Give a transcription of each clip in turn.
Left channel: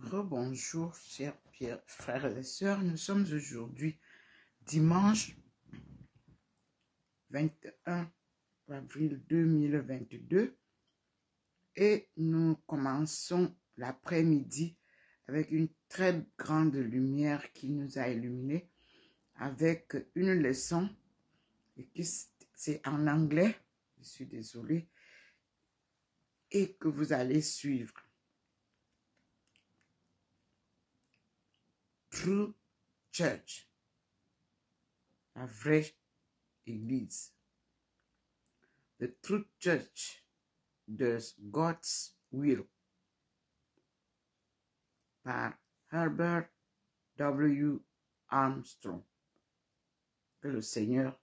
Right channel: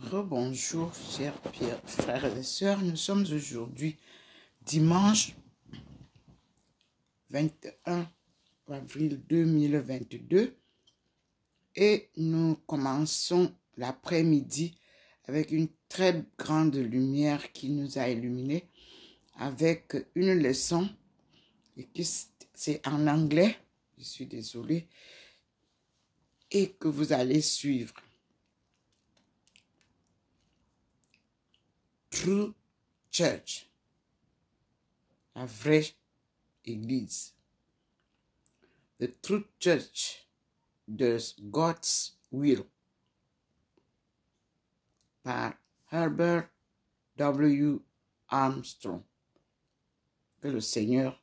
Rebonjour, chers frères et sœurs. Nous sommes aujourd'hui dimanche 21 avril 2022 et nous commençons l'après-midi avec une très grande lumière qui nous a illuminés avec une leçon et que c'est en anglais, je suis désolée, et que vous allez suivre. True Church, la vraie église. The True Church does God's will par Herbert W. Armstrong, que le Seigneur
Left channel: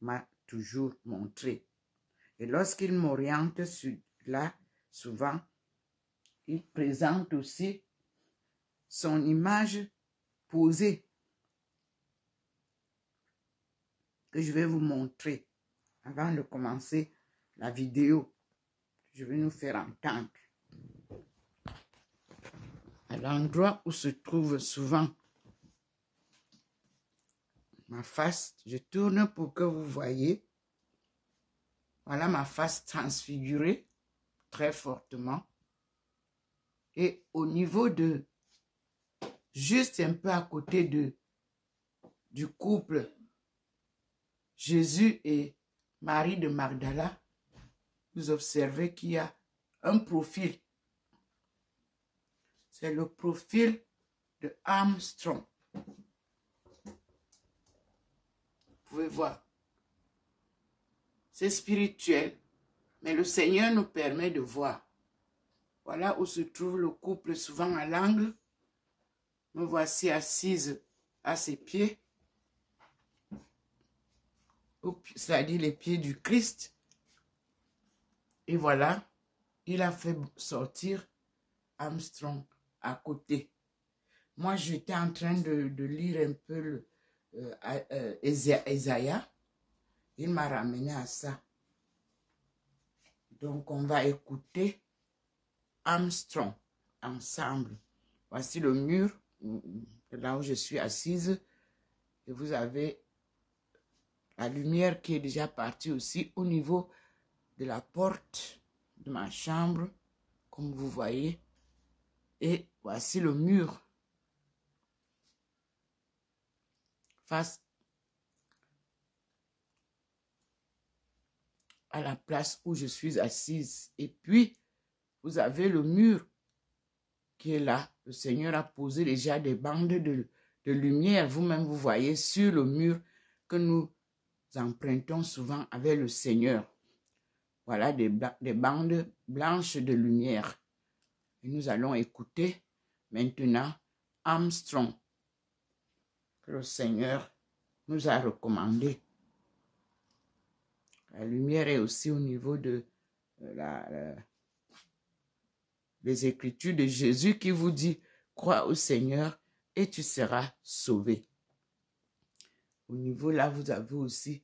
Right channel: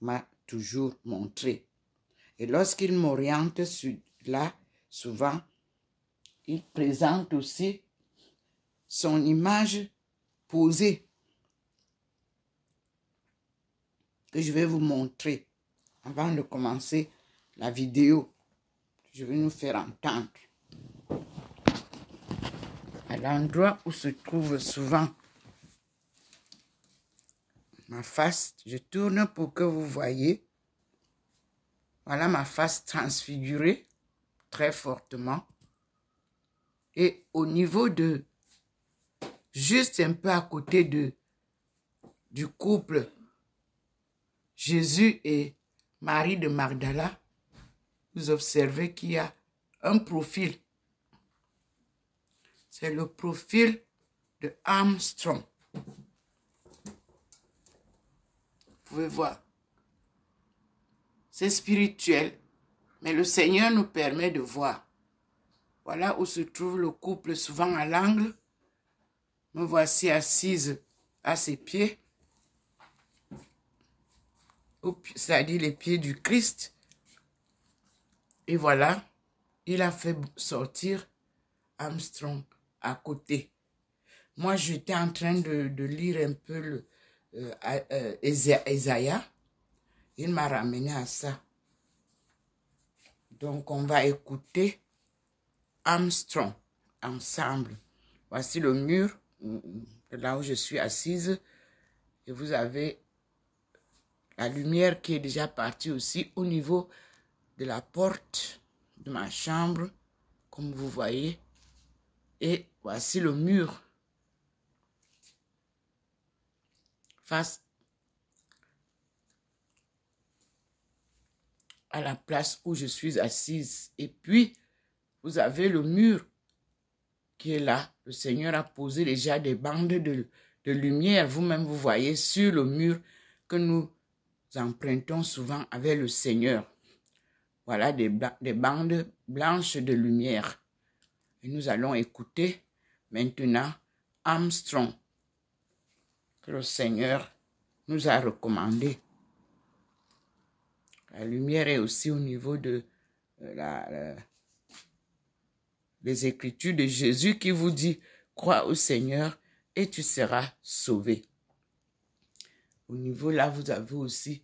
m'a toujours montré. Et lorsqu'il m'oriente sur là, souvent, il présente aussi son image posée que je vais vous montrer avant de commencer la vidéo. Je vais nous faire entendre. À l'endroit où se trouve souvent ma face, je tourne pour que vous voyez. Voilà ma face transfigurée très fortement. Et au niveau de, juste un peu à côté du couple Jésus et Marie de Magdala, vous observez qu'il y a un profil. C'est le profil de Armstrong. Vous pouvez voir. C'est spirituel, mais le Seigneur nous permet de voir. Voilà où se trouve le couple souvent à l'angle. Me voici assise à ses pieds. C'est-à-dire les pieds du Christ. Et voilà, il a fait sortir Armstrong à côté. Moi, j'étais en train de lire un peu Ésaïe. Il m'a ramené à ça. Donc, on va écouter Armstrong ensemble. Voici le mur, là où je suis assise. Et vous avez la lumière qui est déjà partie aussi au niveau de la porte de ma chambre, comme vous voyez. Et voici le mur face à la place où je suis assise. Et puis, vous avez le mur qui est là. Le Seigneur a posé déjà des bandes de lumière. Vous-même, vous voyez sur le mur que nous empruntons souvent avec le Seigneur. Voilà des bandes blanches de lumière. Et nous allons écouter maintenant Armstrong, que le Seigneur nous a recommandé. La lumière est aussi au niveau de les Écritures de Jésus qui vous dit « Crois au Seigneur et tu seras sauvé ». Au niveau là, vous avez aussi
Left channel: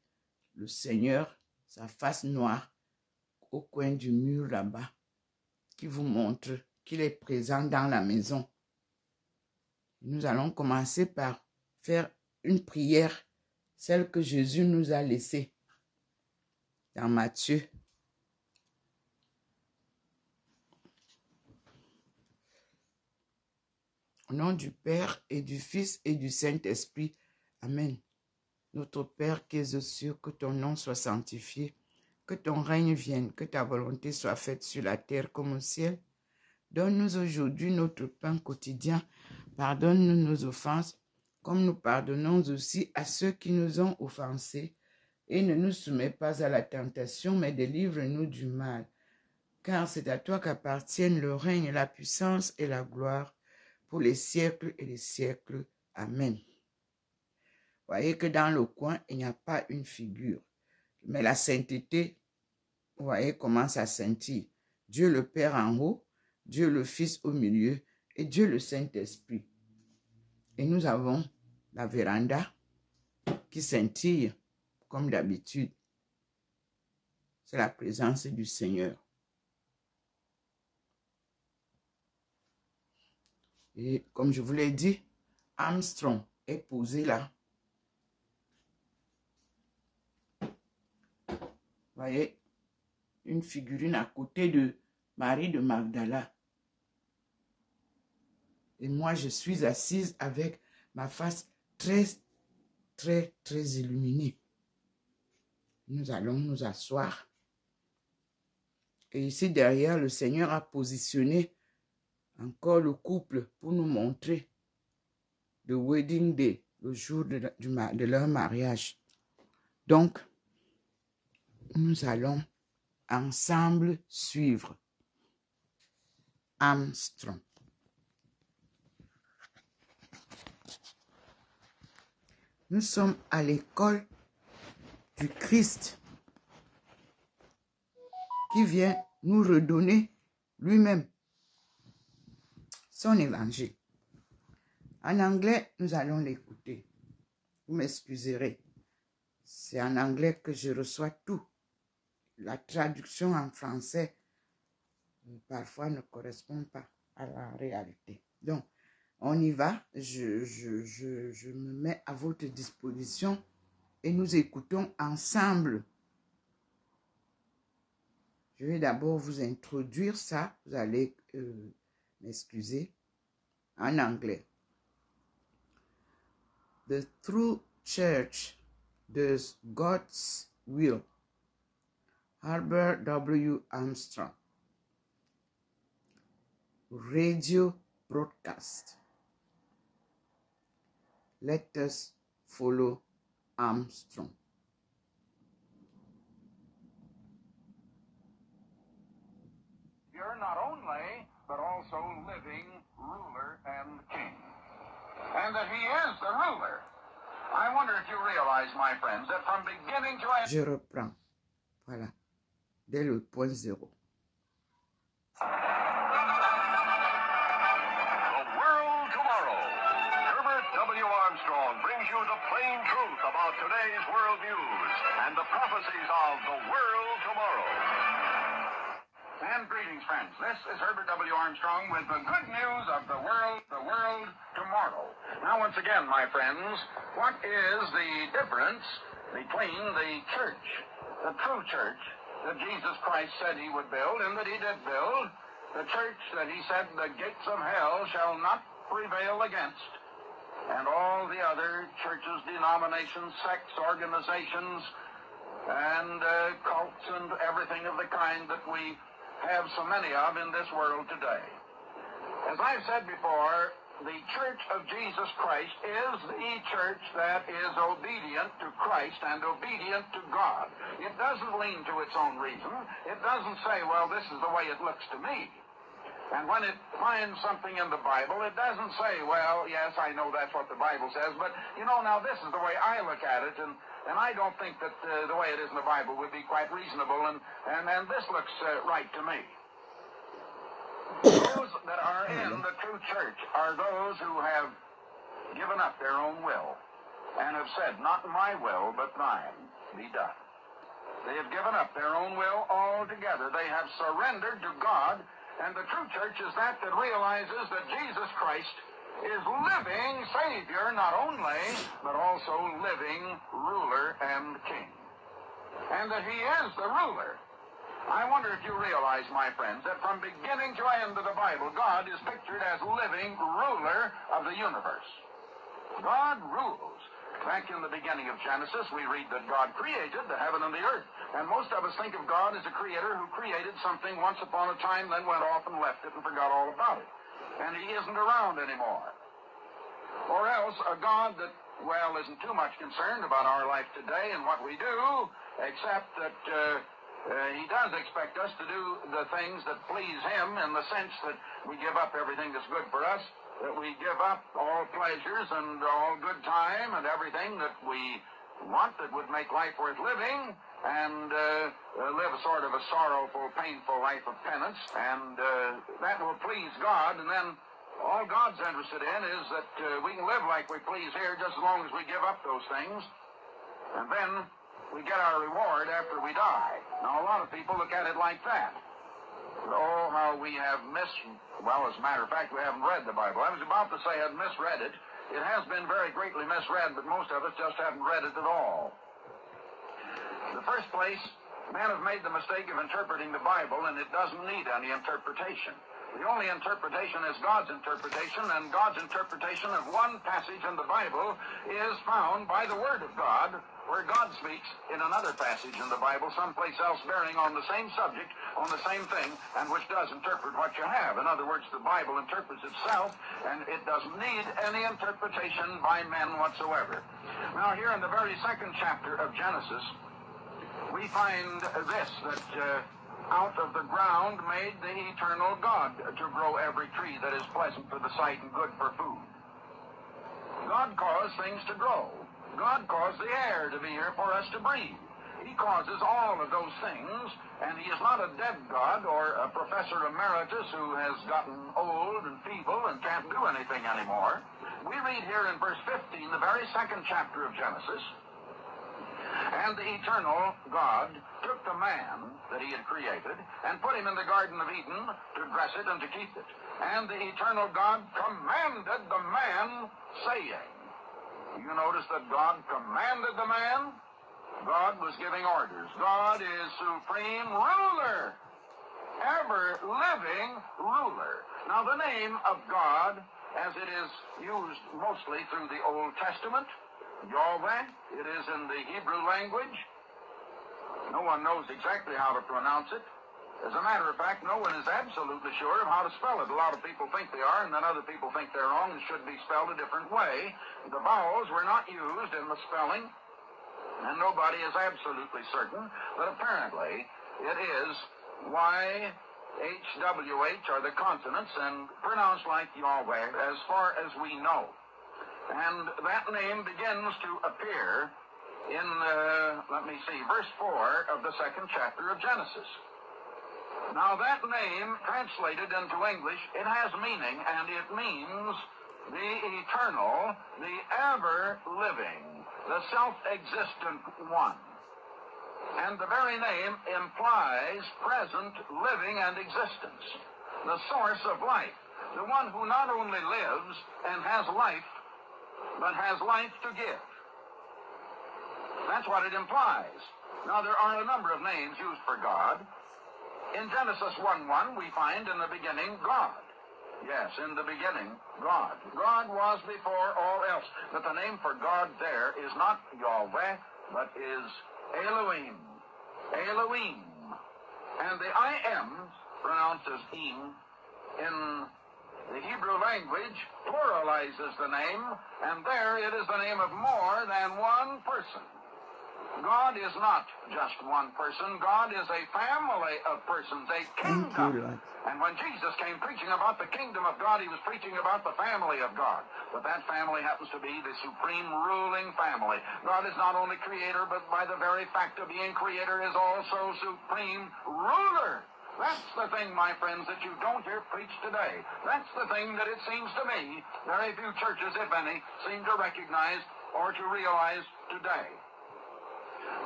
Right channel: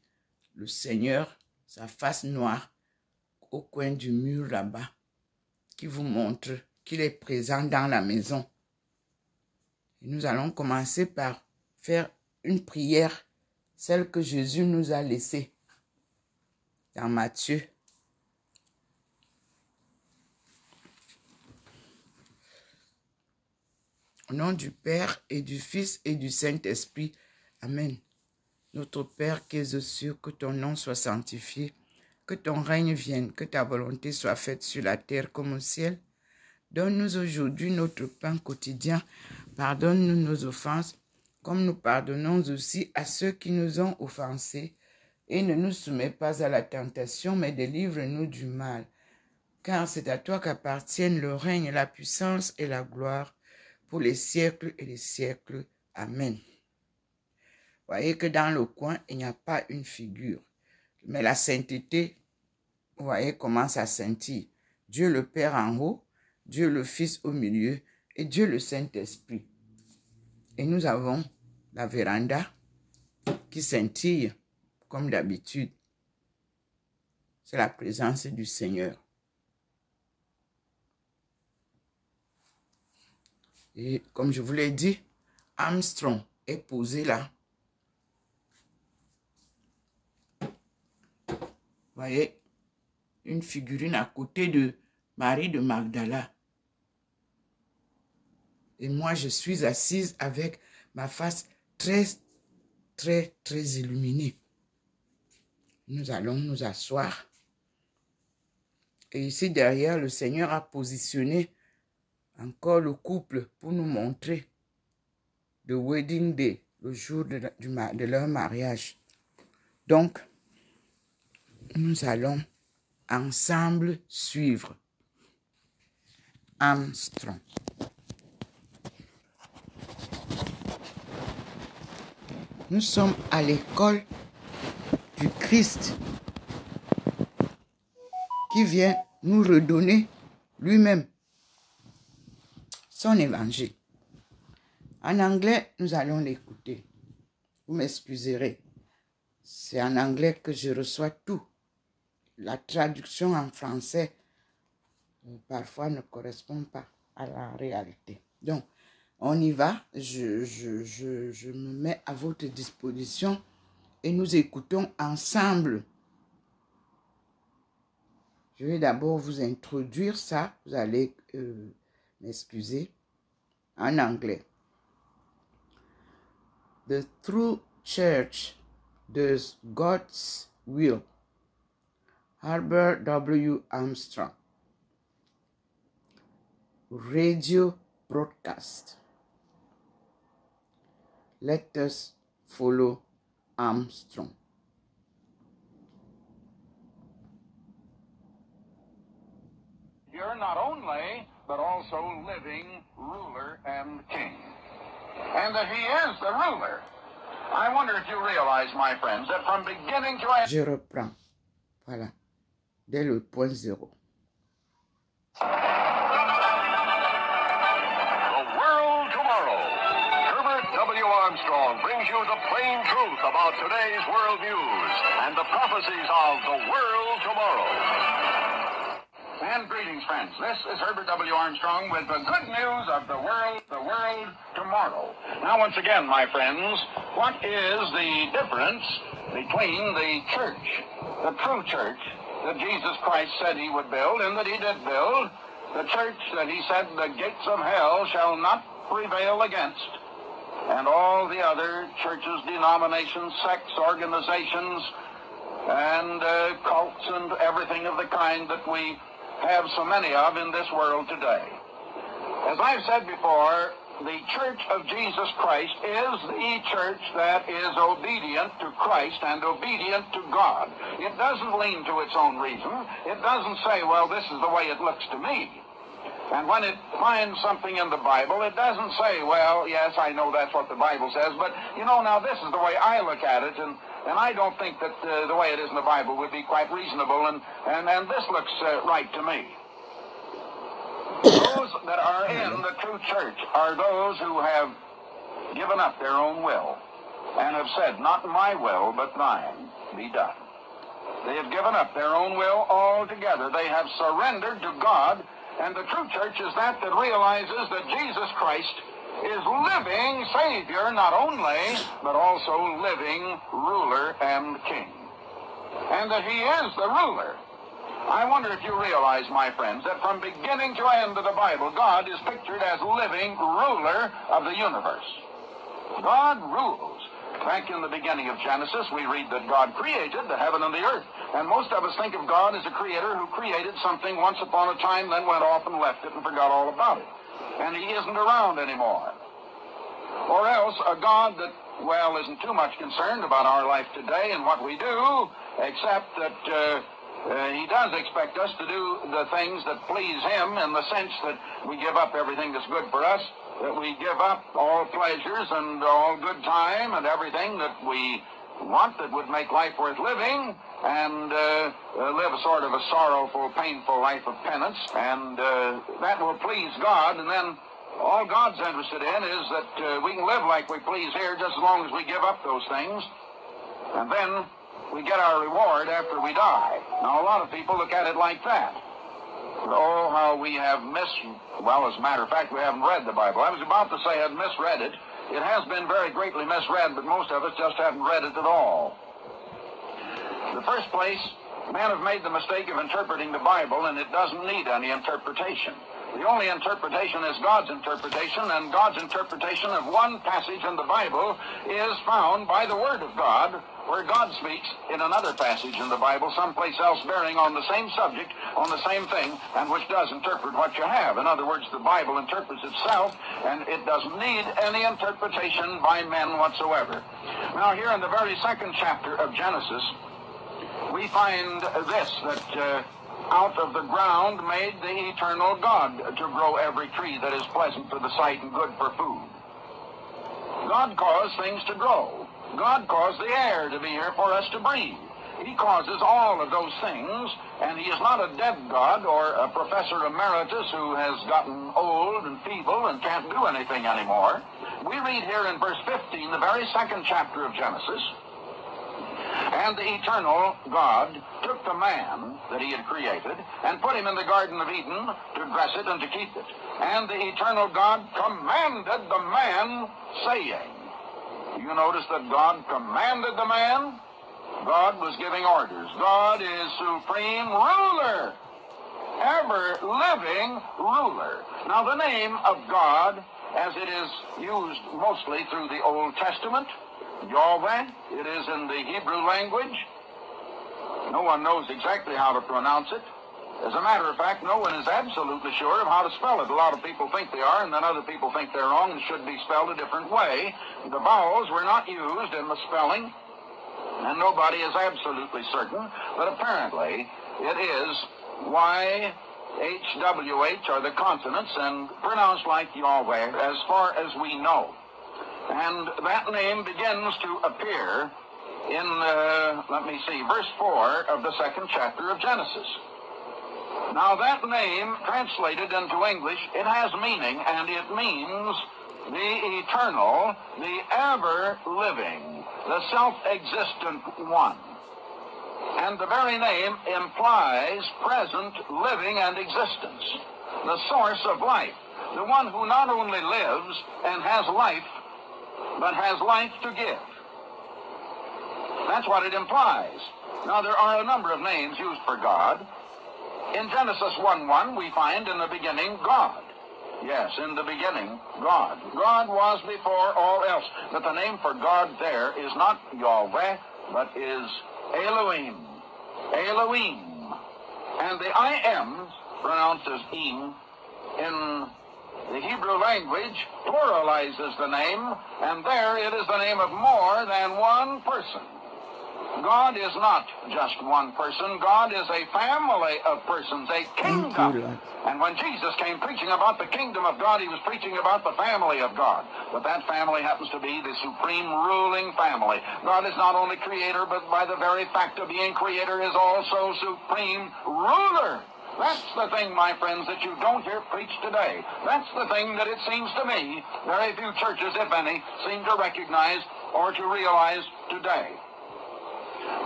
le Seigneur, sa face noire, au coin du mur là-bas, qui vous montre qu'il est présent dans la maison. Et nous allons commencer par faire une prière, celle que Jésus nous a laissée dans Matthieu. Au nom du Père et du Fils et du Saint-Esprit. Amen. Notre Père qui es aux cieux, que ton nom soit sanctifié, que ton règne vienne, que ta volonté soit faite sur la terre comme au ciel. Donne-nous aujourd'hui notre pain quotidien. Pardonne-nous nos offenses, comme nous pardonnons aussi à ceux qui nous ont offensés. Et ne nous soumets pas à la tentation, mais délivre-nous du mal. Car c'est à toi qu'appartiennent le règne, la puissance et la gloire, pour les siècles et les siècles. Amen. Voyez que dans le coin, il n'y a pas une figure. Mais la sainteté, vous voyez comment ça scintille. Dieu le Père en haut, Dieu le Fils au milieu et Dieu le Saint-Esprit. Et nous avons la véranda qui scintille comme d'habitude. C'est la présence du Seigneur. Et comme je vous l'ai dit, Armstrong est posé là. Vous voyez, une figurine à côté de Marie de Magdala. Et moi, je suis assise avec ma face très illuminée. Nous allons nous asseoir. Et ici, derrière, le Seigneur a positionné encore le couple pour nous montrer le wedding day, le jour de leur mariage. Donc, nous allons ensemble suivre Armstrong. Nous sommes à l'école du Christ qui vient nous redonner lui-même son évangile. En anglais, nous allons l'écouter. Vous m'excuserez. C'est en anglais que je reçois tout. La traduction en français, parfois, ne correspond pas à la réalité. Donc, on y va. Je me mets à votre disposition et nous écoutons ensemble. Je vais d'abord vous introduire ça. Vous allez m'excuser. En anglais. The true church does God's will. Herbert W. Armstrong. Radio broadcast. Let us follow Armstrong. You're not only, but also living ruler and king. And that he is the ruler. I wonder if you realize, my friends, that from beginning to end... Je reprends. Voilà. Dès le point zéro. The world tomorrow. Herbert W. Armstrong brings you the plain truth about today's world news and the prophecies of the world tomorrow. And greetings, friends. This is Herbert W. Armstrong with the good news of the world tomorrow. Now, once again, my friends, what is the difference between the church, the true church that Jesus Christ said he would build and that he did build, the church that he said the gates of hell shall not prevail against, and all the other churches, denominations, sects, organizations, and cults and everything of the kind that we have so many of in this world today. As I've said before, the Church of Jesus Christ is the church that is obedient to Christ and obedient to God. It doesn't lean to its own reason. It doesn't say, well, this is the way it looks to me. And when it finds something in the Bible, it doesn't say, well, yes, I know that's what the Bible says, but, you know, now this is the way I look at it, and I don't think that the way it is in the Bible would be quite reasonable, and this looks right to me. Those that are in the true church are those who have given up their own will and have said, not my will, but thine be done. They have given up their own will altogether. They have surrendered to God, and the true church is that realizes that Jesus Christ is living Savior, not only, but also living ruler and king. And that he is the ruler. I wonder if you realize, my friends, that from beginning to end of the Bible, God is pictured as living ruler of the universe. God rules. Back in the beginning of Genesis, we read that God created the heaven and the earth. And most of us think of God as a creator who created something once upon a time, then went off and left it and forgot all about it. And he isn't around anymore. Or else a God that, well, isn't too much concerned about our life today and what we do, except that he does expect us to do the things that please him in the sense that we give up everything that's good for us, that we give up all pleasures and all good time and everything that we want that would make life worth living, and live a sort of a sorrowful, painful life of penance, and that will please God. And then all God's interested in is that we can live like we please here just as long as we give up those things, and then we get our reward after we die. Now, a lot of people look at it like that. Oh, how we have well, as a matter of fact, we haven't read the Bible. I was about to say I had misread it. It has been very greatly misread, but most of us just haven't read it at all. In the first place, men have made the mistake of interpreting the Bible, and it doesn't need any interpretation. The only interpretation is God's interpretation, and God's interpretation of one passage in the Bible is found by the Word of God, where God speaks in another passage in the Bible, someplace else bearing on the same subject, on the same thing, and which does interpret what you have. In other words, the Bible interprets itself, and it doesn't need any interpretation by men whatsoever. Now, here in the very second chapter of Genesis, we find this, that out of the ground made the eternal God to grow every tree that is pleasant to the sight and good for food. God caused things to grow. God caused the air to be here for us to breathe. He causes all of those things, and he is not a dead God or a professor emeritus who has gotten old and feeble and can't do anything anymore. We read here in verse 15, the very second chapter of Genesis, and the eternal God took the man that he had created and put him in the Garden of Eden to dress it and to keep it. And the eternal God commanded the man, saying, you notice that God commanded the man? God was giving orders. God is supreme ruler, ever-living ruler. Now, the name of God, as it is used mostly through the Old Testament, Yahweh, it is in the Hebrew language. No one knows exactly how to pronounce it. As a matter of fact, no one is absolutely sure of how to spell it. A lot of people think they are, and then other people think they're wrong and should be spelled a different way. The vowels were not used in the spelling, and nobody is absolutely certain, but apparently it is Y-H-W-H are the consonants and pronounced like Yahweh as far as we know. And that name begins to appear in, verse 4 of the second chapter of Genesis. Now that name, translated into English, it has meaning, and it means the eternal, the ever-living, the self-existent one. And the very name implies present living and existence, the source of life, the one who not only lives and has life, but has life to give. That's what it implies. Now, there are a number of names used for God. In Genesis 1:1, we find in the beginning God. Yes, in the beginning, God. God was before all else. But the name for God there is not Yahweh, but is Elohim. Elohim. And the I am, pronounced as Im, in the Hebrew language pluralizes the name, and there it is the name of more than one person. God is not just one person. God is a family of persons, a kingdom. And when Jesus came preaching about the kingdom of God, he was preaching about the family of God. But that family happens to be the supreme ruling family. God is not only creator, but by the very fact of being creator is also supreme ruler. That's the thing, my friends, that you don't hear preached today. That's the thing that it seems to me very few churches, if any, seem to recognize or to realize today.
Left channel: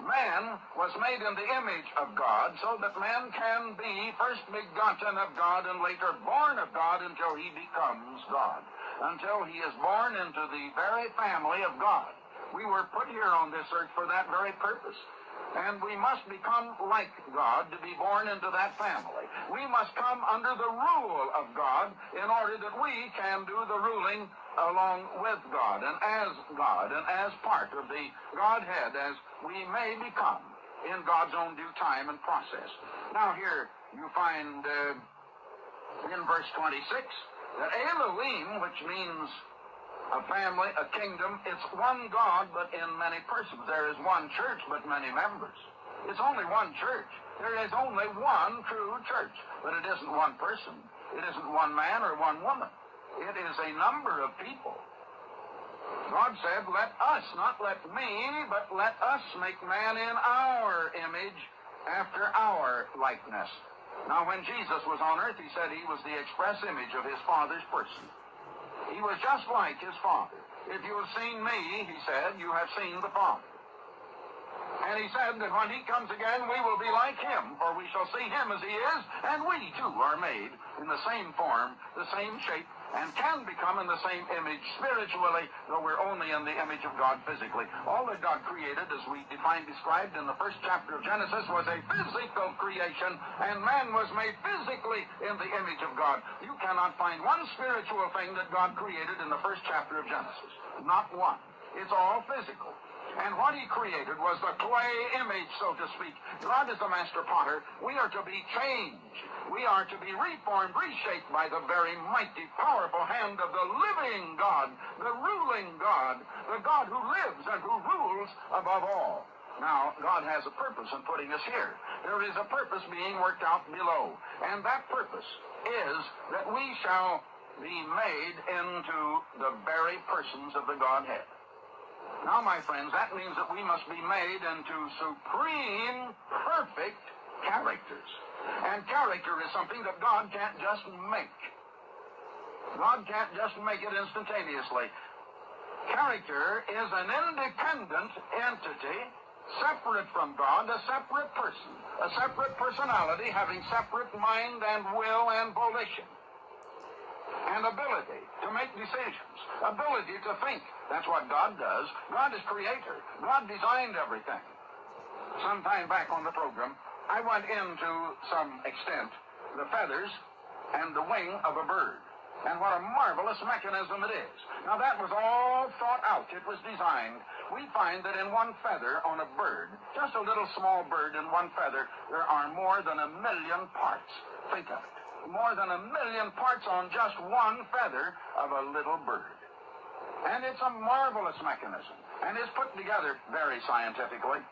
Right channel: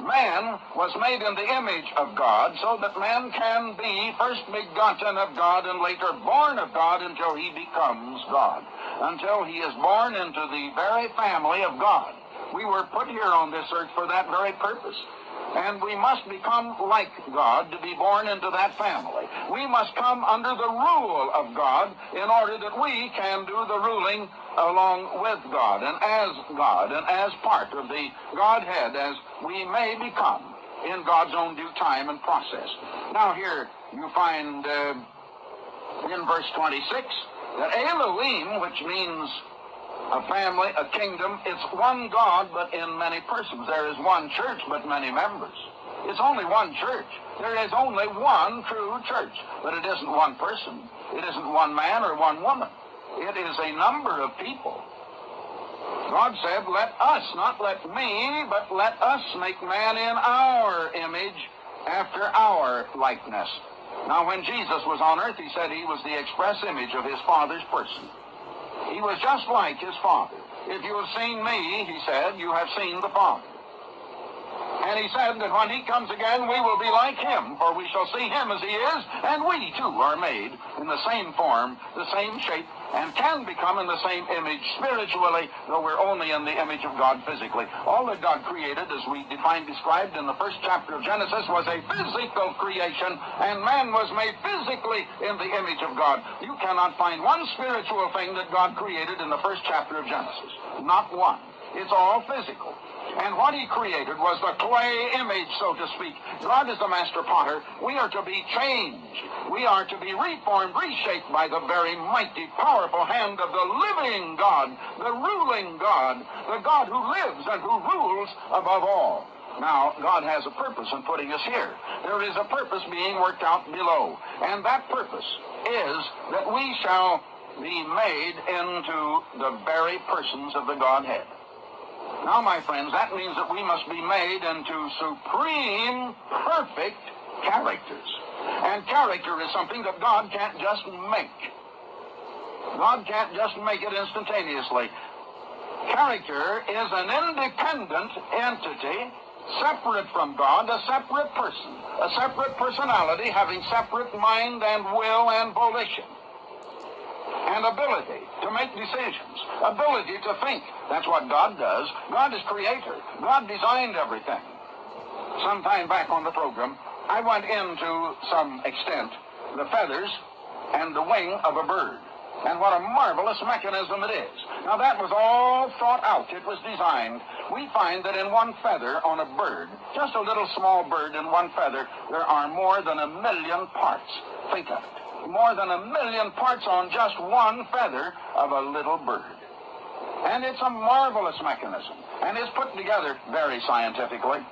Man was made in the image of God so that man can be first begotten of God and later born of God until he becomes God, until he is born into the very family of God. We were put here on this earth for that very purpose. And we must become like God to be born into that family. We must come under the rule of God in order that we can do the ruling along with God and as part of the Godhead as we may become in God's own due time and process. Now here you find in verse 26 that Elohim, which means a family, a kingdom, it's one God, but in many persons. There is one church, but many members. It's only one church. There is only one true church, but it isn't one person. It isn't one man or one woman. It is a number of people. God said, let us, not let me, but let us make man in our image, after our likeness. Now, when Jesus was on earth, he said he was the express image of his Father's person. He was just like his Father. If you have seen me, he said, you have seen the Father. And he said that when he comes again, we will be like him, for we shall see him as he is, and we too are made in the same form, the same shape, and can become in the same image spiritually, though we're only in the image of God physically. All that God created, as we described in the first chapter of Genesis, was a physical creation, and man was made physically in the image of God. You cannot find one spiritual thing that God created in the first chapter of Genesis. Not one. It's all physical. And what he created was the clay image, so to speak. God is the master potter. We are to be changed. We are to be reformed, reshaped by the very mighty, powerful hand of the living God, the ruling God, the God who lives and who rules above all. Now, God has a purpose in putting us here. There is a purpose being worked out below. And that purpose is that we shall be made into the very persons of the Godhead. Now, my friends, that means that we must be made into supreme, perfect characters. And character is something that God can't just make. God can't just make it instantaneously. Character is an independent entity, separate from God, a separate person, a separate personality having separate mind and will and volition. And ability to make decisions, ability to think. That's what God does. God is creator. God designed everything. Some time back on the program, I went into some extent the feathers and the wing of a bird. And what a marvelous mechanism it is. Now that was all thought out. It was designed. We find that in one feather on a bird, just a little small bird in one feather, there are more than 1 million parts. Think of it. More than 1 million parts on just one feather of a little bird. And it's a marvelous mechanism. And it's put together very scientifically.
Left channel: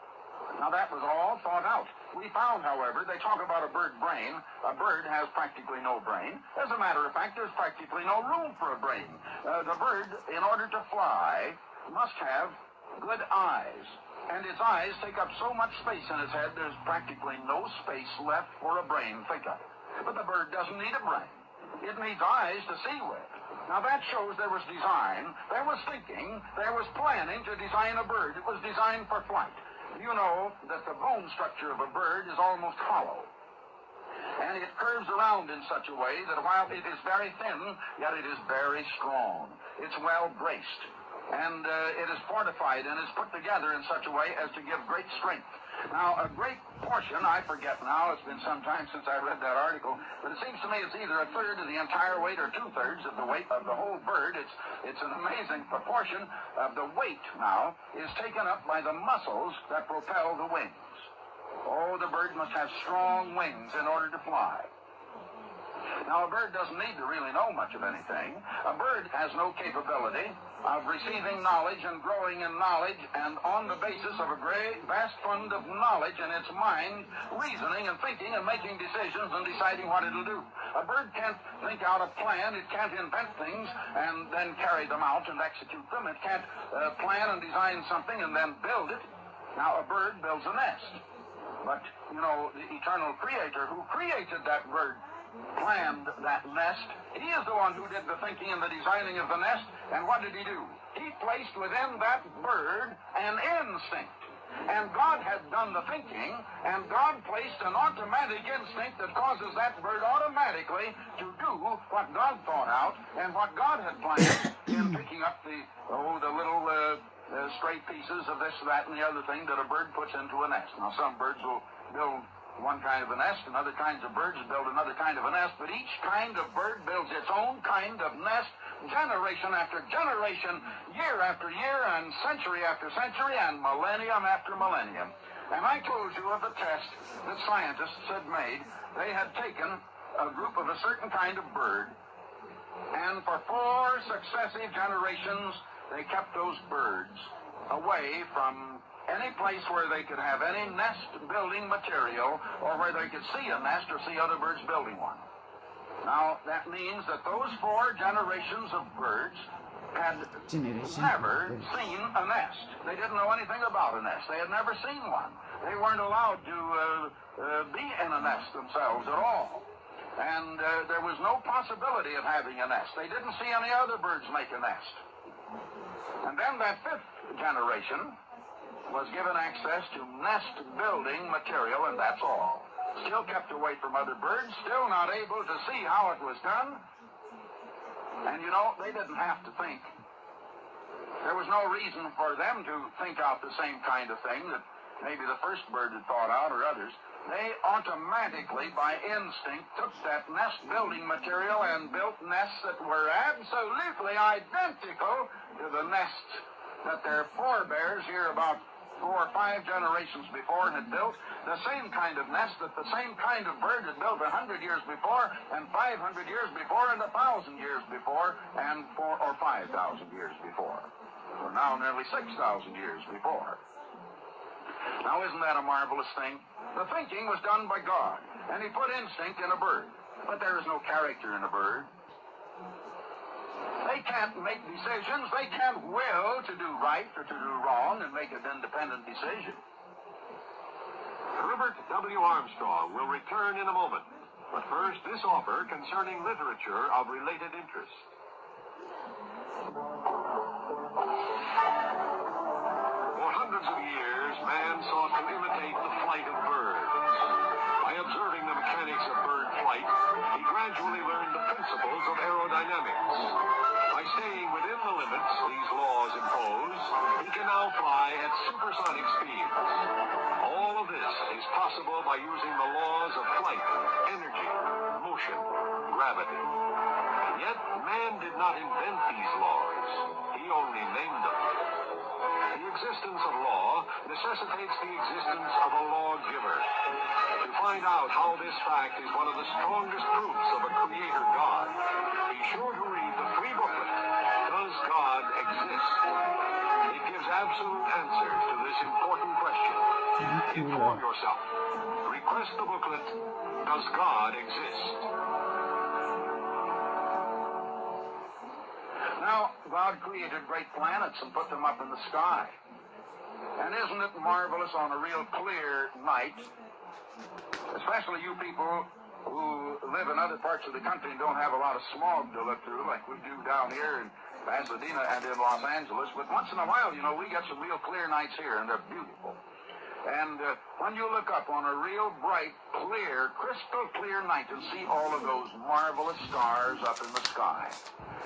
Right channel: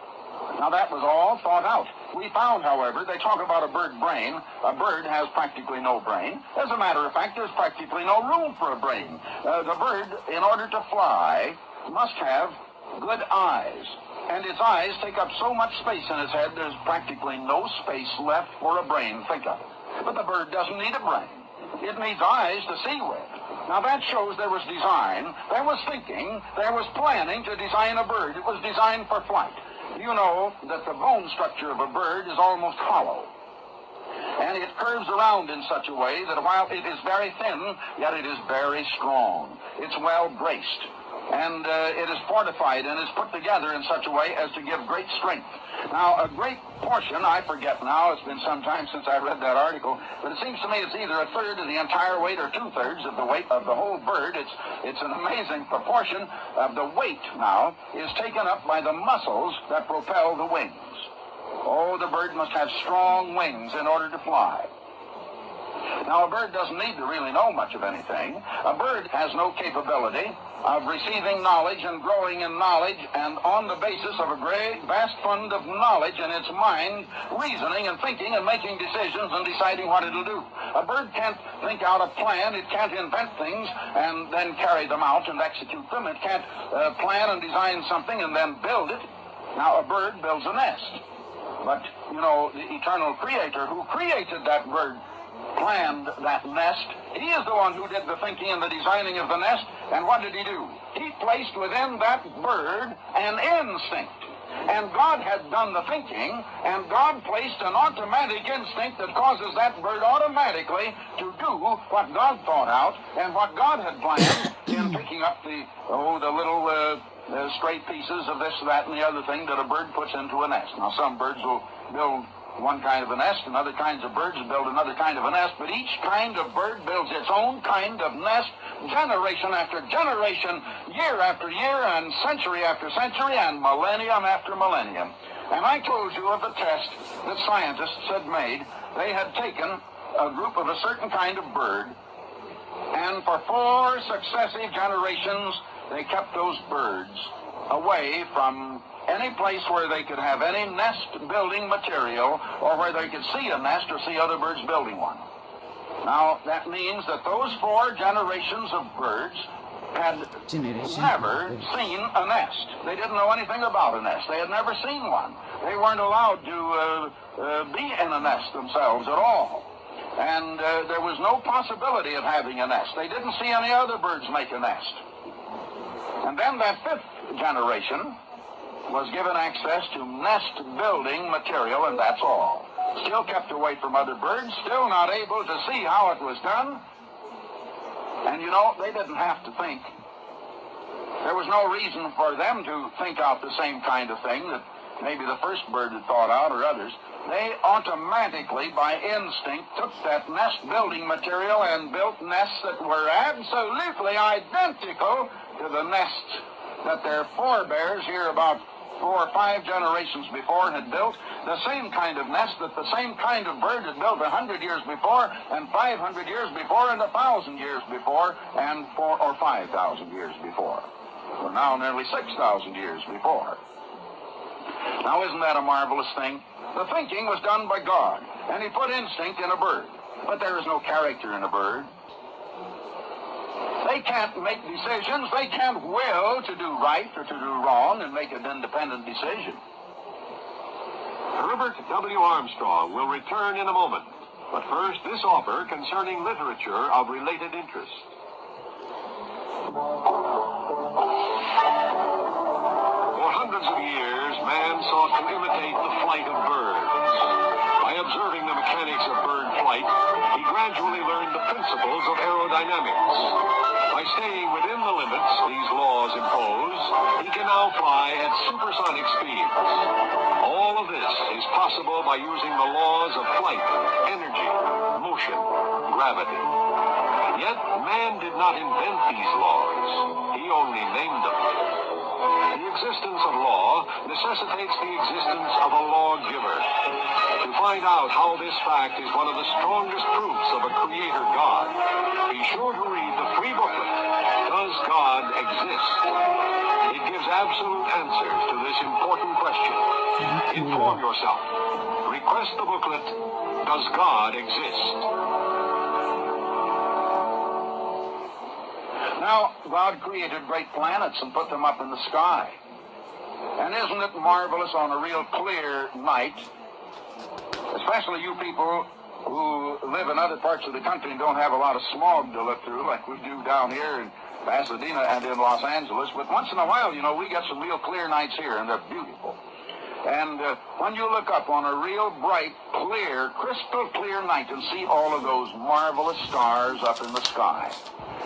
Now that was all thought out. We found, however, they talk about a bird brain. A bird has practically no brain. As a matter of fact, there's practically no room for a brain. The bird, in order to fly, must have good eyes. And its eyes take up so much space in its head, there's practically no space left for a brain. Think of it. But the bird doesn't need a brain. It needs eyes to see with. Now that shows there was design, there was thinking, there was planning to design a bird. It was designed for flight. You know that the bone structure of a bird is almost hollow. And it curves around in such a way that while it is very thin, yet it is very strong. It's well braced. And it is fortified and is put together in such a way as to give great strength. Now, a great portion, I forget now, it's been some time since I read that article, but it seems to me it's either 1/3 of the entire weight or 2/3 of the weight of the whole bird. It's an amazing proportion of the weight now is taken up by the muscles that propel the wings. Oh, the bird must have strong wings in order to fly. Now, a bird doesn't need to really know much of anything. A bird has no capability of receiving knowledge and growing in knowledge, and on the basis of a great, vast fund of knowledge in its mind, reasoning and thinking and making decisions and deciding what it'll do. A bird can't think out a plan. It can't invent things and then carry them out and execute them. It can't plan and design something and then build it. Now, a bird builds a nest. But, you know, the eternal creator who created that bird planned that nest. He is the one who did the thinking and the designing of the nest. And what did he do? He placed within that bird an instinct. And God had done the thinking, and God placed an automatic instinct that causes that bird automatically to do what God thought out and what God had planned in picking up the little stray pieces of this, that, and the other thing that a bird puts into a nest. Now, some birds will build one kind of a nest, and other kinds of birds build another kind of a nest, but each kind of bird builds its own kind of nest, generation after generation, year after year, and century after century, and millennium after millennium. And I told you of the test that scientists had made. They had taken a group of a certain kind of bird, and for 4 successive generations, they kept those birds away from any place where they could have any nest building material or where they could see a nest or see other birds building one. Now, that means that those 4 generations of birds had never seen a nest. They didn't know anything about a nest. They had never seen one. They weren't allowed to be in a nest themselves at all. And there was no possibility of having a nest. They didn't see any other birds make a nest. And then that 5th generation, was given access to nest building material, and that's all. Still kept away from other birds, still not able to see how it was done. And you know, they didn't have to think. There was no reason for them to think out the same kind of thing that maybe the first bird had thought out or others. They automatically, by instinct, took that nest building material and built nests that were absolutely identical to the nests that their forebears here about 4 or 5 generations before had built. The same kind of nest that the same kind of bird had built 100 years before, and 500 years before, and 1,000 years before, and 4,000 or 5,000 years before. Well, now nearly 6,000 years before. Now, isn't that a marvelous thing? The thinking was done by God, and he put instinct in a bird. But there is no character in a bird. They can't make decisions. They can't will to do right or to do wrong and make an independent decision. Herbert W. Armstrong will return in a moment. But first, this offer concerning literature of related interest. For hundreds of years, man sought to imitate the flight of birds. By observing the mechanics of bird flight, he gradually learned the principles of aerodynamics. By staying within the limits these laws impose, he can now fly at supersonic speeds. All of this is possible by using the laws of flight, energy, motion, gravity. Yet, man did not invent these laws. He only named them. The existence of law necessitates the existence of a lawgiver. To find out how this fact is one of the strongest proofs of a creator God, be sure to read the free booklet, Does God Exist? It gives absolute answers to this important question. Inform yourself. Request the booklet, Does God Exist? Now, God created great planets and put them up in the sky. And isn't it marvelous on a real clear night, especially you people who live in other parts of the country and don't have a lot of smog to look through like we do down here in Pasadena and in Los Angeles. But once in a while, you know, we get some real clear nights here, and they're beautiful. And when you look up on a real bright, clear, crystal clear night and see all of those marvelous stars up in the sky,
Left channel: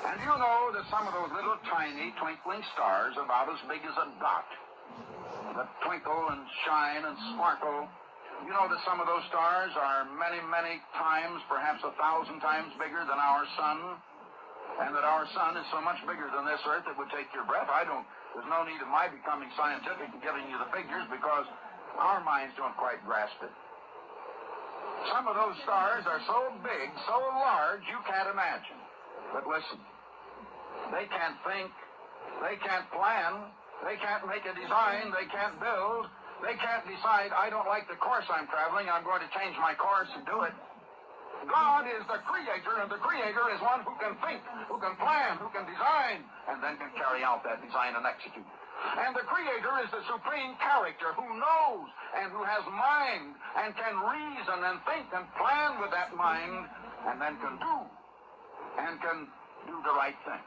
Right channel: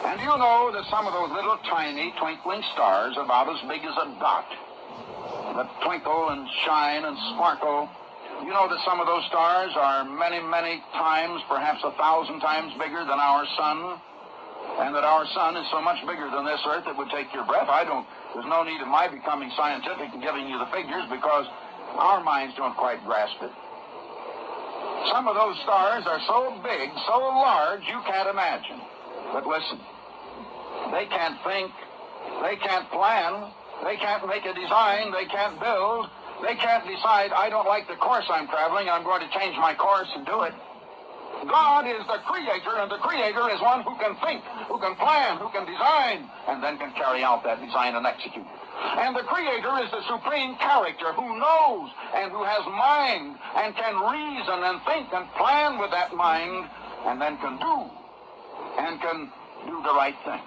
and you know that some of those little tiny twinkling stars about as big as a dot that twinkle and shine and sparkle, you know that some of those stars are many, many times, perhaps 1,000 times bigger than our sun, and that our sun is so much bigger than this earth it would take your breath. There's no need of my becoming scientific and giving you the figures because our minds don't quite grasp it. Some of those stars are so big, so large, you can't imagine. But listen, they can't think, they can't plan, they can't make a design, they can't build, they can't decide, I don't like the course I'm traveling, I'm going to change my course and do it. God is the creator, and the creator is one who can think, who can plan, who can design, and then can carry out that design and execute it. And the creator is the supreme character who knows and who has mind and can reason and think and plan with that mind and then can do the right thing.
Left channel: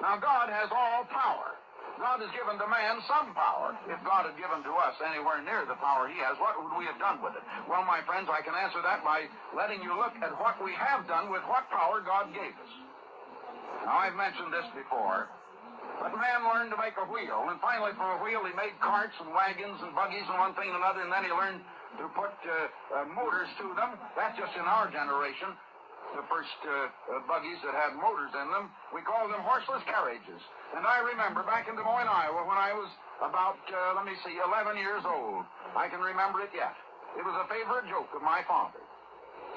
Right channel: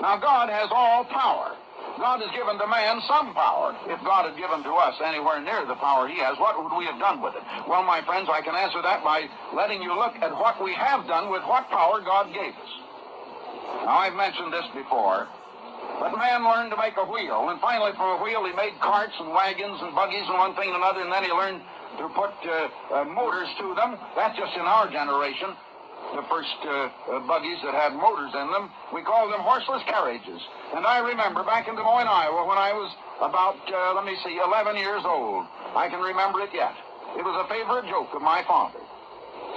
Now, God has all power. God has given to man some power. If God had given to us anywhere near the power he has, what would we have done with it? Well, my friends, I can answer that by letting you look at what we have done with what power God gave us. Now, I've mentioned this before, but man learned to make a wheel, and finally from a wheel he made carts and wagons and buggies and one thing and another, and then he learned to put motors to them. That's just in our generation. The first buggies that had motors in them, we called them horseless carriages. And I remember back in Des Moines, Iowa, when I was about, 11 years old. I can remember it yet. It was a favorite joke of my father.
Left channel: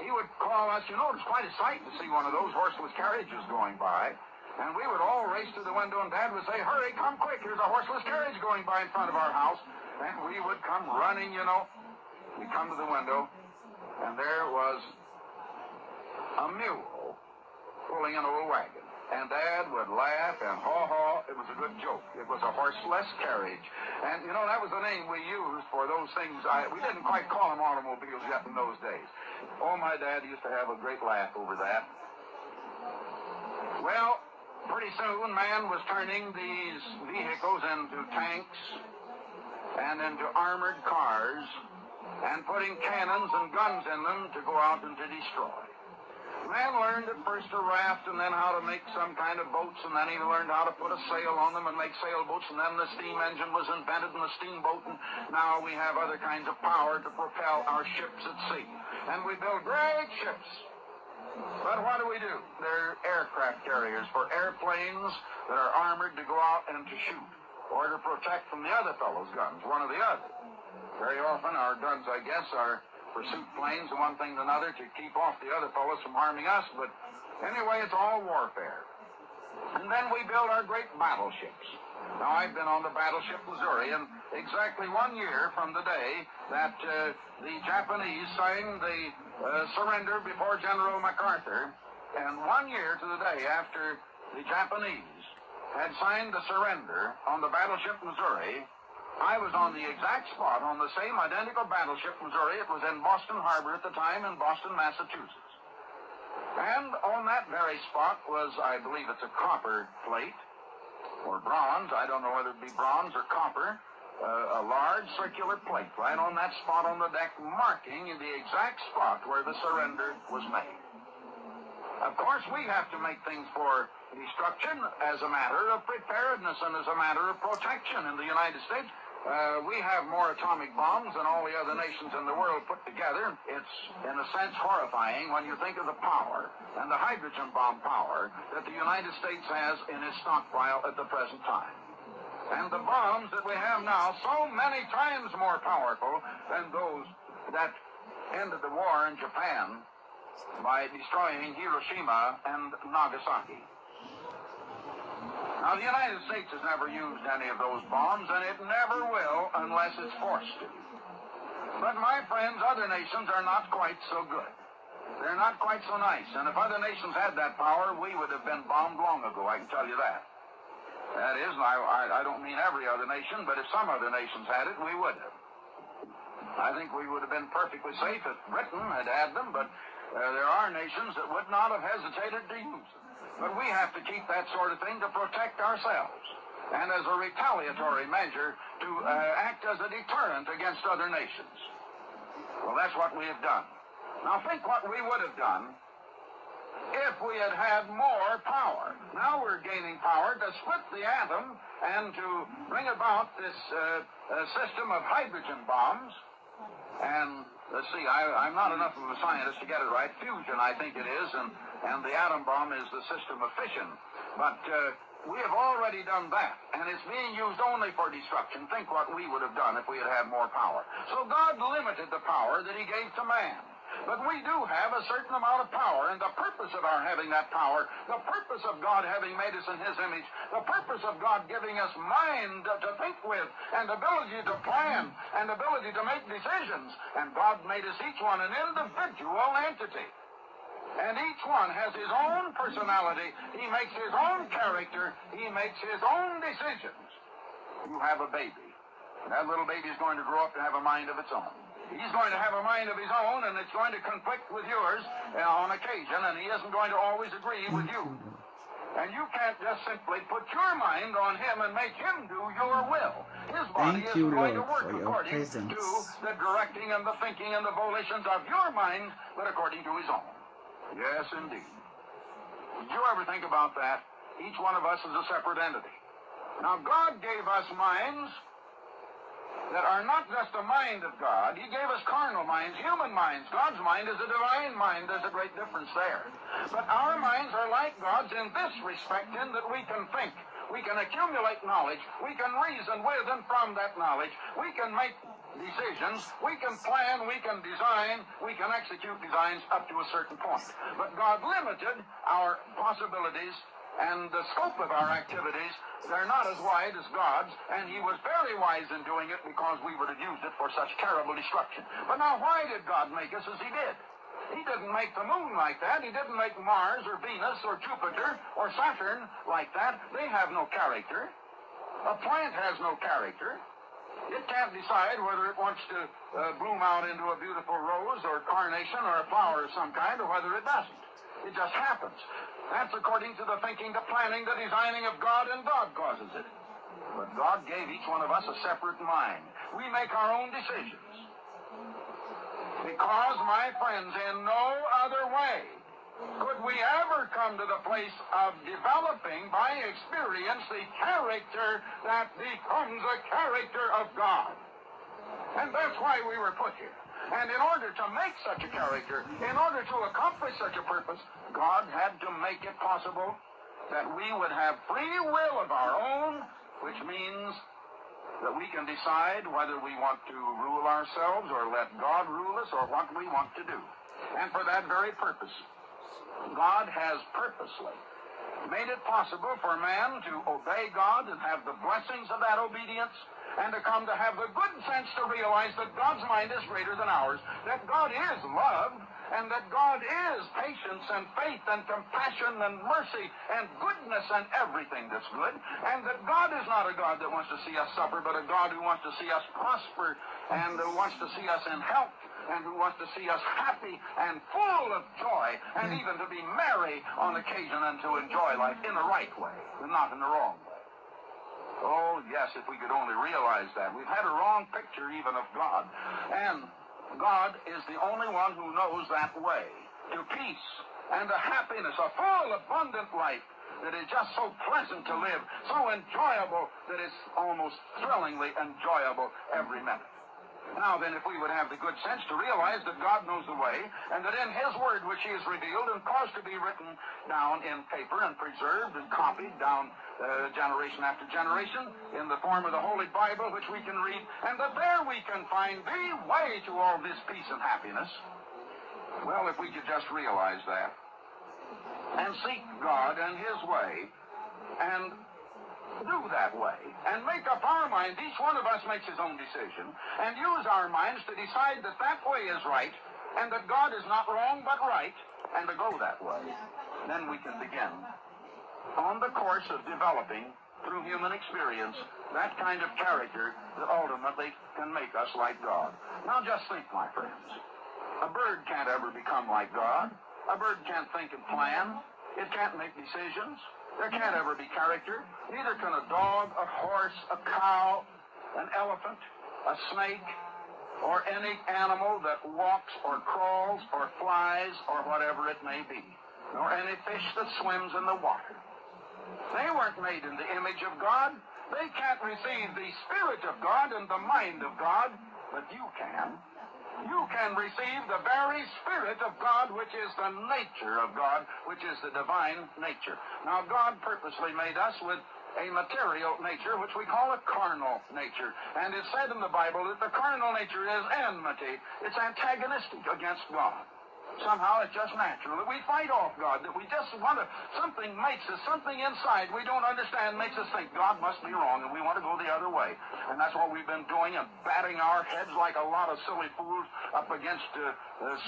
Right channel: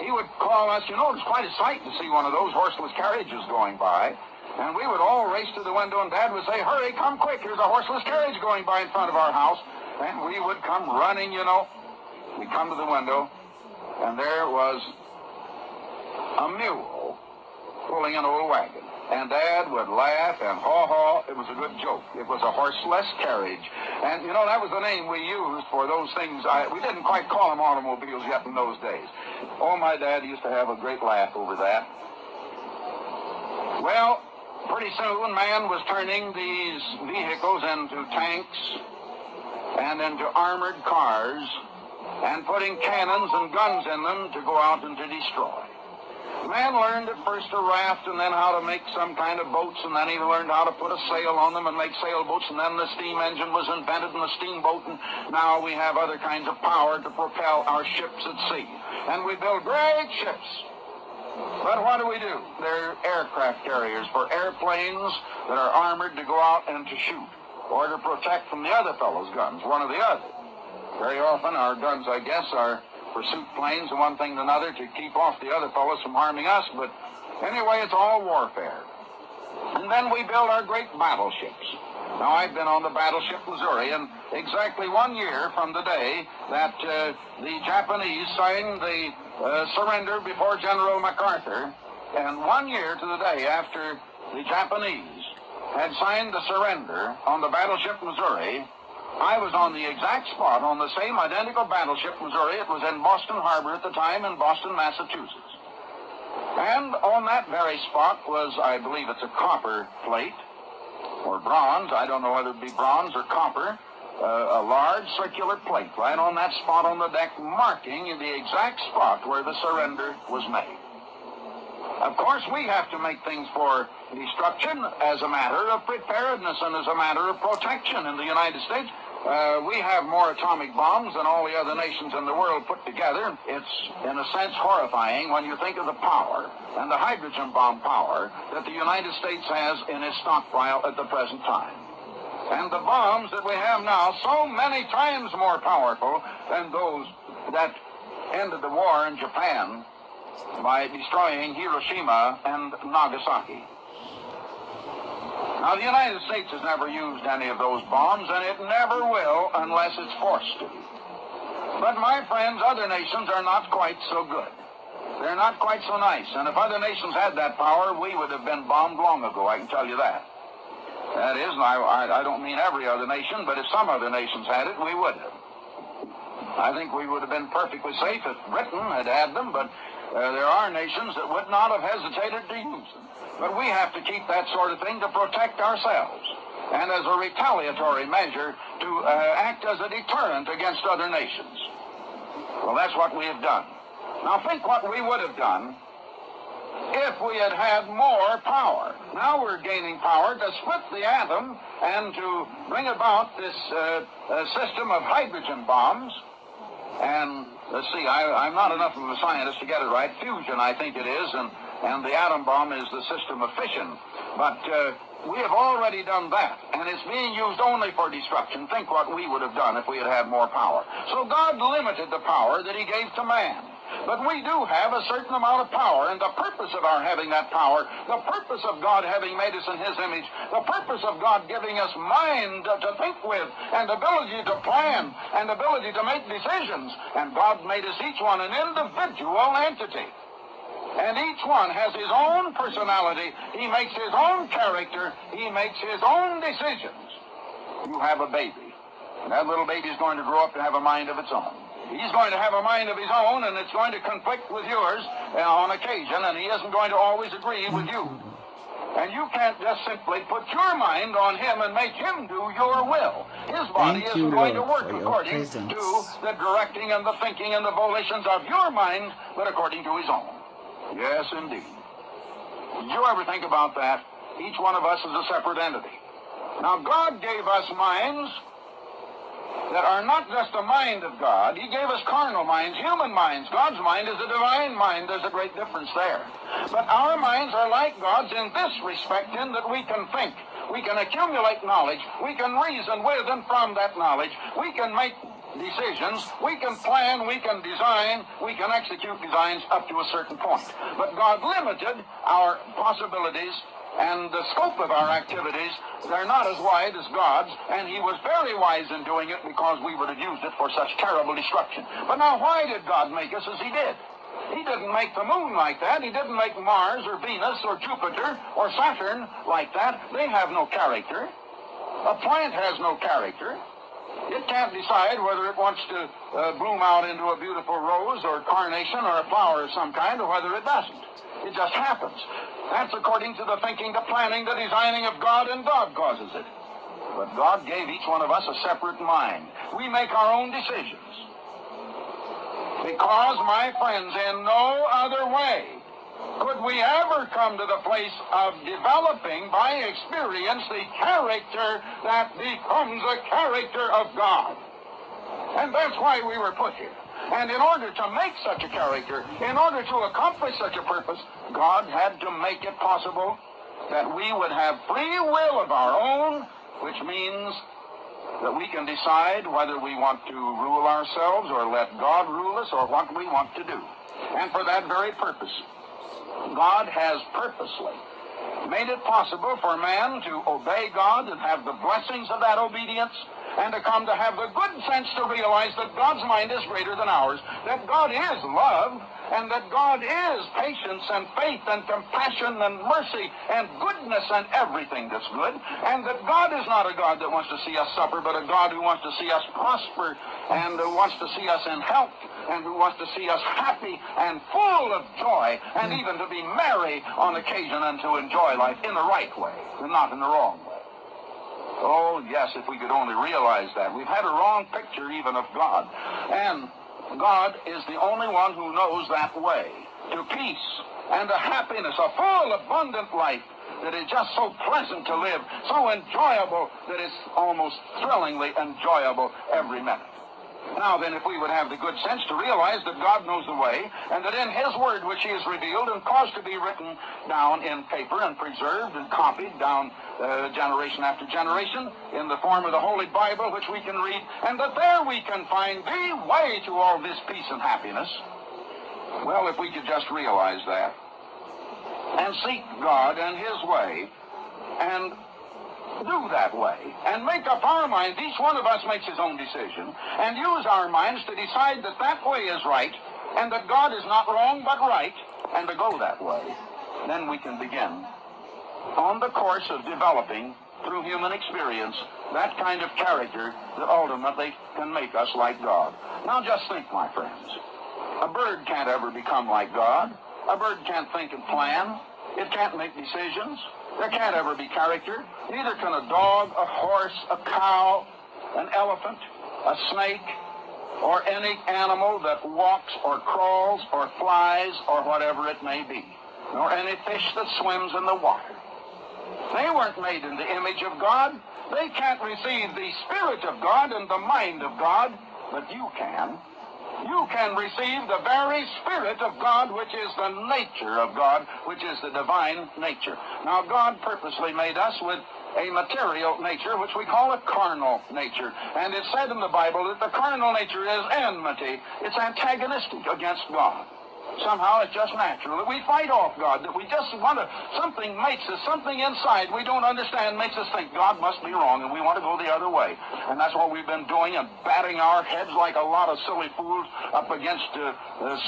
He would call us, you know, it was quite a sight to see one of those horseless carriages going by. And we would all race to the window, and Dad would say, hurry, come quick, here's a horseless carriage going by in front of our house. And we would come running, you know. We'd come to the window, and there was a mule pulling an old wagon. And Dad would laugh and haw-haw. It was a good joke. It was a horseless carriage. And, you know, that was the name we used for those things. We didn't quite call them automobiles yet in those days. Oh, my dad used to have a great laugh over that. Well, pretty soon man was turning these vehicles into tanks and into armored cars and putting cannons and guns in them to go out and to destroy. Man learned at first to raft and then how to make some kind of boats, and then he learned how to put a sail on them and make sailboats, and then the steam engine was invented and the steamboat, and now we have other kinds of power to propel our ships at sea. And we build great ships. But what do? They're aircraft carriers for airplanes that are armored to go out and to shoot, or to protect from the other fellow's guns, one or the other. Very often our guns, I guess, are pursuit planes and one thing and another to keep off the other fellows from harming us, but anyway, it's all warfare. And then we build our great battleships. Now, I've been on the battleship Missouri, and exactly 1 year from the day that the Japanese signed the surrender before General MacArthur, and 1 year to the day after the Japanese had signed the surrender on the battleship Missouri, I was on the exact spot on the same identical battleship Missouri. It was in Boston Harbor at the time in Boston, Massachusetts. And on that very spot was, I believe it's a copper plate, or bronze, I don't know whether it be bronze or copper, a large circular plate right on that spot on the deck, marking the exact spot where the surrender was made. Of course, we have to make things for destruction as a matter of preparedness and as a matter of protection in the United States. We have more atomic bombs than all the other nations in the world put together. It's, in a sense, horrifying when you think of the power and the hydrogen bomb power that the United States has in its stockpile at the present time. And the bombs that we have now, so many times more powerful than those that ended the war in Japan by destroying Hiroshima and Nagasaki. Now, the United States has never used any of those bombs, and it never will unless it's forced to. But, my friends, other nations are not quite so good. They're not quite so nice. And if other nations had that power, we would have been bombed long ago, I can tell you that. That is, and I don't mean every other nation, but if some other nations had it, we would have. I think we would have been perfectly safe if Britain had had them, but there are nations that would not have hesitated to use them. But we have to keep that sort of thing to protect ourselves, and as a retaliatory measure to act as a deterrent against other nations. Well, that's what we have done. Now think what we would have done if we had had more power. Now we're gaining power to split the atom and to bring about this system of hydrogen bombs. And let's see, I'm not enough of a scientist to get it right. Fusion, I think it is, and the atom bomb is the system of fission. But we have already done that, and it's being used only for destruction. Think what we would have done if we had had more power. So God limited the power that he gave to man. But we do have a certain amount of power, and the purpose of our having that power, the purpose of God having made us in his image, the purpose of God giving us mind to think with, and ability to plan, and ability to make decisions, and God made us each one an individual entity. And each one has his own personality. He makes his own character. He makes his own decisions. You have a baby. And that little baby is going to grow up to have a mind of its own. He's going to have a mind of his own, and it's going to conflict with yours on occasion, and he isn't going to always agree with you. And you can't just simply put your mind on him and make him do your will. His body isn't going to work according to the directing and the thinking and the volitions of your mind, but according to his own. Yes, indeed. Did you ever think about that? Each one of us is a separate entity. Now, God gave us minds that are not just the mind of God. He gave us carnal minds, human minds. God's mind is a divine mind. There's a great difference there. But our minds are like God's in this respect, in that we can think. We can accumulate knowledge. We can reason with and from that knowledge. We can make decisions. We can plan. We can design. We can execute designs up to a certain point. But God limited our possibilities and the scope of our activities. They're not as wide as God's, and he was very wise in doing it because we would have used it for such terrible destruction. But now, why did God make us as he did? He didn't make the moon like that. He didn't make Mars or Venus or Jupiter or Saturn like that. They have no character. A plant has no character. It can't decide whether it wants to bloom out into a beautiful rose or carnation or a flower of some kind, or whether it doesn't. It just happens. That's according to the thinking, the planning, the designing of God, and God causes it. But God gave each one of us a separate mind. We make our own decisions. Because, my friends, in no other way could we ever come to the place of developing by experience the character that becomes the character of God. And that's why we were put here. And in order to make such a character, in order to accomplish such a purpose, God had to make it possible that we would have free will of our own, which means that we can decide whether we want to rule ourselves or let God rule us or what we want to do. And for that very purpose, God has purposely made it possible for man to obey God and have the blessings of that obedience, and to come to have the good sense to realize that God's mind is greater than ours, that God is love, and that God is patience and faith and compassion and mercy and goodness and everything that's good, and that God is not a God that wants to see us suffer, but a God who wants to see us prosper and who wants to see us in health and who wants to see us happy and full of joy and even to be merry on occasion and to enjoy life in the right way and not in the wrong way. Oh, yes, if we could only realize that. We've had a wrong picture even of God. And God is the only one who knows that way to peace and to happiness, a full, abundant life that is just so pleasant to live, so enjoyable that it's almost thrillingly enjoyable every minute. Now then, if we would have the good sense to realize that God knows the way, and that in His Word which He has revealed and caused to be written down in paper and preserved and copied down generation after generation in the form of the Holy Bible, which we can read, and that there we can find the way to all this peace and happiness. Well, if we could just realize that and seek God and His way and do that way and make up our mind, each one of us makes his own decision, and use our minds to decide that that way is right and that God is not wrong but right, and to go that way, then we can begin on the course of developing through human experience that kind of character that ultimately can make us like God. Now just think, my friends, a bird can't ever become like God. A bird can't think and plan. It can't make decisions. There can't ever be character. Neither can a dog, a horse, a cow, an elephant, a snake, or any animal that walks or crawls or flies or whatever it may be, nor any fish that swims in the water. They weren't made in the image of God. They can't receive the Spirit of God and the mind of God, but you can. You can receive the very Spirit of God, which is the nature of God, which is the divine nature. Now, God purposely made us with a material nature, which we call a carnal nature. And it's said in the Bible that the carnal nature is enmity. It's antagonistic against God. Somehow it's just natural that we fight off God, that we just want to, something makes us, something inside we don't understand makes us think God must be wrong, and we want to go the other way. And that's what we've been doing, and batting our heads like a lot of silly fools up against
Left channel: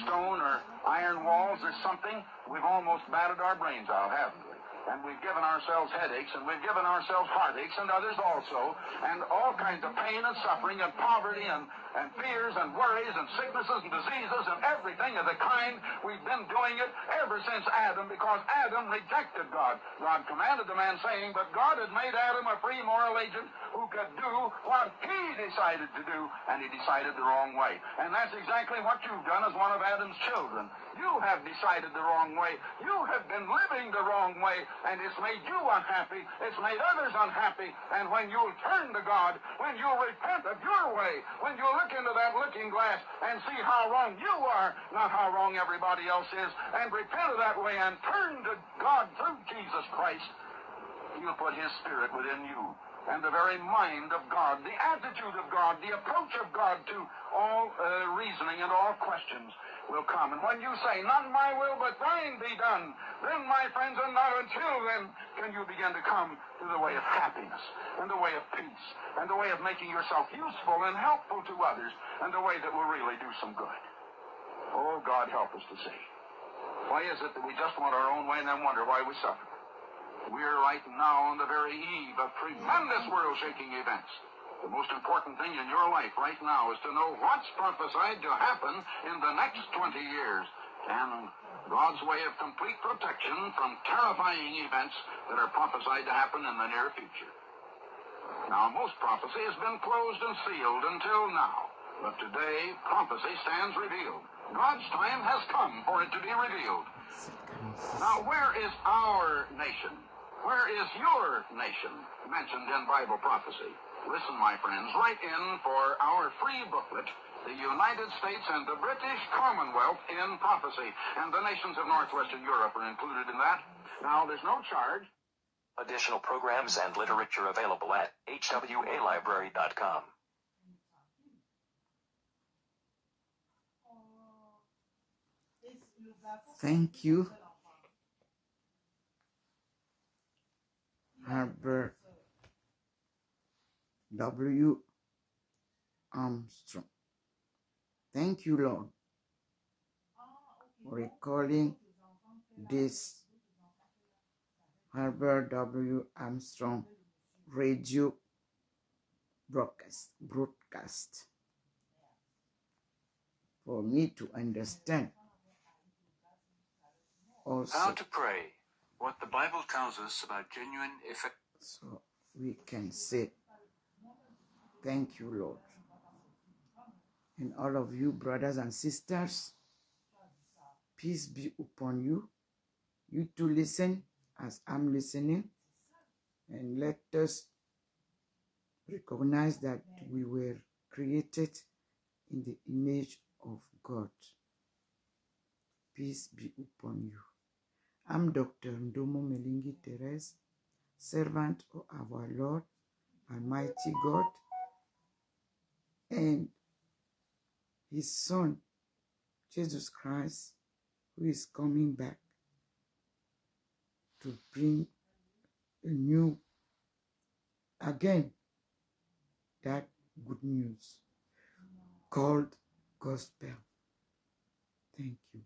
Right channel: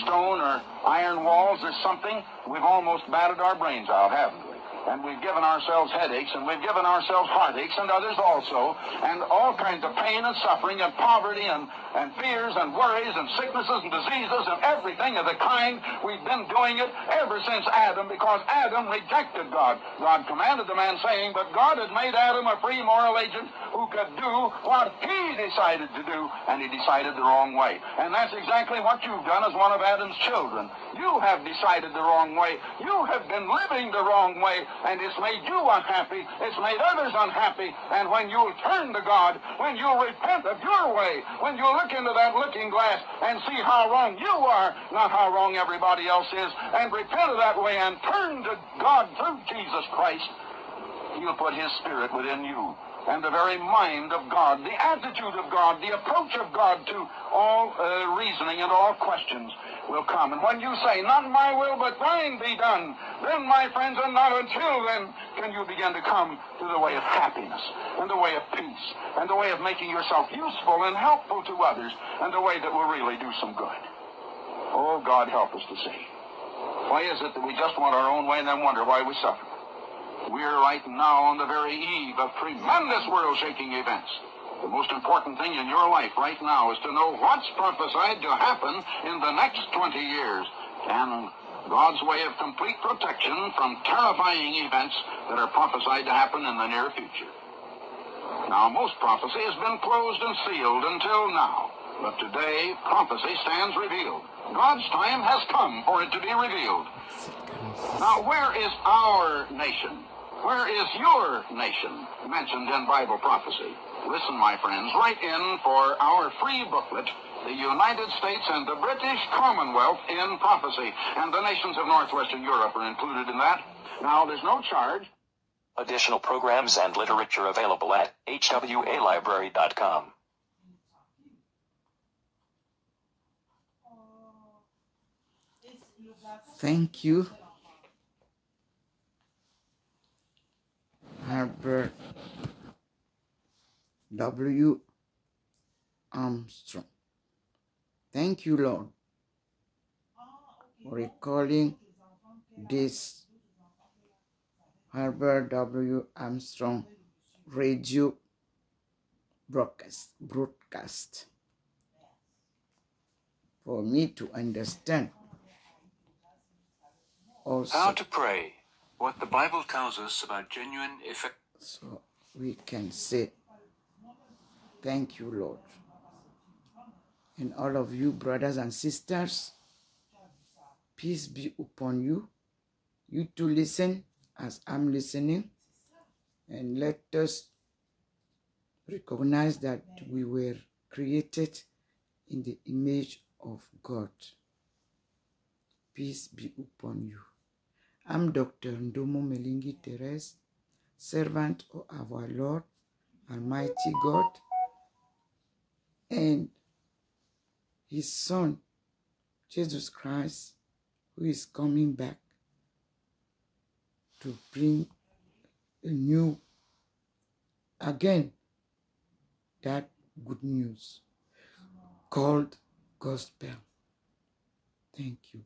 stone or iron walls or something. We've almost battered our brains out, haven't we? And we've given ourselves headaches, and we've given ourselves heartaches, and others also, and all kinds of pain and suffering and poverty and fears and worries and sicknesses and diseases and everything of the kind. We've been doing it ever since Adam, because Adam rejected God. God commanded the man, saying, but God had made Adam a free moral agent who could do what he decided to do, and he decided the wrong way. And that's exactly what you've done as one of Adam's children. You have decided the wrong way. You have been living the wrong way, and it's made you unhappy. It's made others unhappy. And when you'll turn to God, when you'll repent of your way, when you'll look into that looking glass and see how wrong you are, not how wrong everybody else is, and repent of that way and turn to God through Jesus Christ, He'll put His Spirit within you. And the very mind of God, the attitude of God, the approach of God to all reasoning and all questions will come. And when you say, not my will, but thine be done, then, my friends, and not until then, can you begin to come to the way of happiness, and the way of peace, and the way of making yourself useful and helpful to others, and the way that will really do some good. Oh, God, help us to see. Why is it that we just want our own way and then wonder why we suffer? We're right now on the very eve of tremendous world-shaking events. The most important thing in your life right now is to know what's prophesied to happen in the next 20 years, and God's way of complete protection from terrifying events that are prophesied to happen in the near future. Now, most prophecy has been closed and sealed until now. But today, prophecy stands revealed. God's time has come for it to be revealed. Now, where is our nation? Where is your nation mentioned in Bible prophecy? Listen, my friends, write in for our free booklet, The United States and the British Commonwealth in Prophecy. And the nations of Northwestern Europe are included in that. Now, there's no charge. Additional programs and literature available at hwalibrary.com. Thank you, Herbert W. Armstrong. Thank you, Lord, for recalling this Herbert W. Armstrong radio broadcast for me to understand also. How to pray, what the Bible tells us about genuine effect. So we can say, thank you, Lord. And all of you, brothers and sisters, peace be upon you. You too listen as I'm listening. And let us recognize that we were created in the image of God. Peace be upon you. I'm Dr. Ndomo Melingi Therese, servant of our Lord, Almighty God, and His Son, Jesus Christ, who is coming back to bring a new, again, that good news called gospel. Thank you.